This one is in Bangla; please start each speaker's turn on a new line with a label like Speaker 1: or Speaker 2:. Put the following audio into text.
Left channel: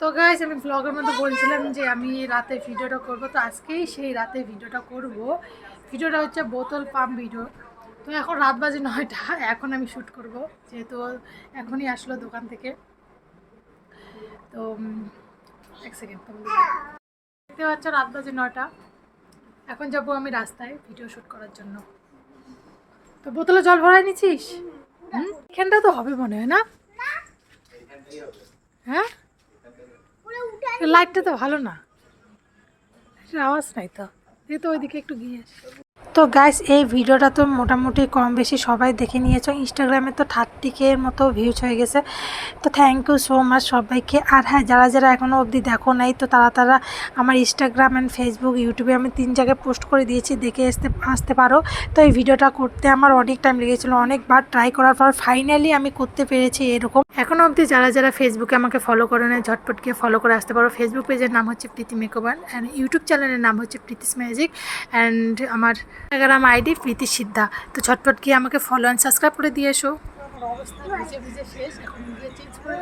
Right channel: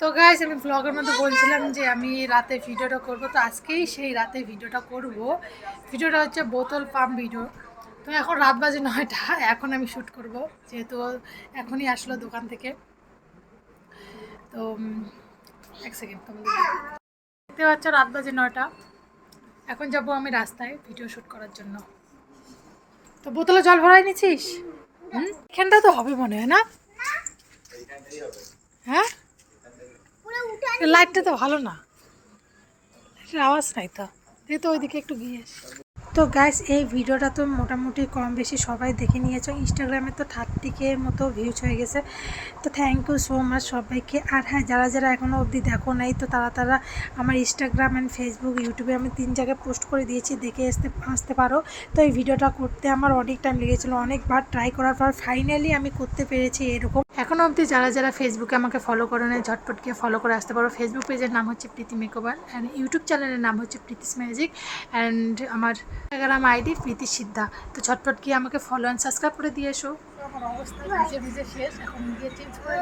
Speaker 1: তো গাইস আমি ব্লগের মধ্যে বলছিলাম যে আমি রাতে ভিডিওটা করব, তো আজকেই সেই রাতে ভিডিওটা করব। ভিডিওটা হচ্ছে বোতল পাম্প ভিডিও তো এখন রাত বাজে নয়টা, এখন আমি শ্যুট করব, যেহেতু এখনই আসলো দোকান থেকে। তো এক সেকেন্ড তোমাদের দেখতে পাচ্ছ রাত বাজে নয়টা। এখন যাব আমি রাস্তায় ভিডিও শ্যুট করার জন্য। তো বোতলে জল ভরাই নিছিস হুম? এখানটা তো হবে মনে হয় না? হ্যাঁ? লাইটটা তো ভালো না লাইটের আওয়াজ নাই তো যেহেতু তো ওইদিকে একটু গিয়ে। তো গাইস এই ভিডিওটা তো মোটামুটি কম বেশি সবাই দেখে নিয়েছো। ইনস্টাগ্রামে তো থার্টি কে মতো ভিউজ হয়ে গেছে। তো থ্যাংক ইউ সো মাচ সবাইকে। আর হ্যাঁ যারা যারা এখনও অবধি দেখো নাই, তো তারা তারা আমার ইনস্টাগ্রাম অ্যান্ড ফেসবুক ইউটিউবে আমি তিন জায়গায় পোস্ট করে দিয়েছি, দেখে আসতে আসতে পারো। তো এই ভিডিওটা করতে আমার অনেক টাইম লেগেছিলো অনেকবার ট্রাই করার পর ফাইনালি আমি করতে পেরেছি এরকম। এখনও অবধি যারা যারা ফেসবুকে আমাকে ফলো করে নেয় ঝটপট গিয়ে ফলো করে আসতে পারো। ফেসবুক পেজের নাম হচ্ছে প্রীতি মেকওভার অ্যান্ড ইউটিউব চ্যানেলের নাম হচ্ছে প্রীতিস ম্যাজিক অ্যান্ড আমার ইনস্টাগ্রাম আইডি প্রীতি সিদ্ধা তো ঝটপট গিয়ে আমাকে ফলো অ্যান্ড সাবস্ক্রাইব করে দিয়ে এসো। অবস্থা ভিজে ভিজে শেষ। এখন গিয়ে চেঞ্জ করে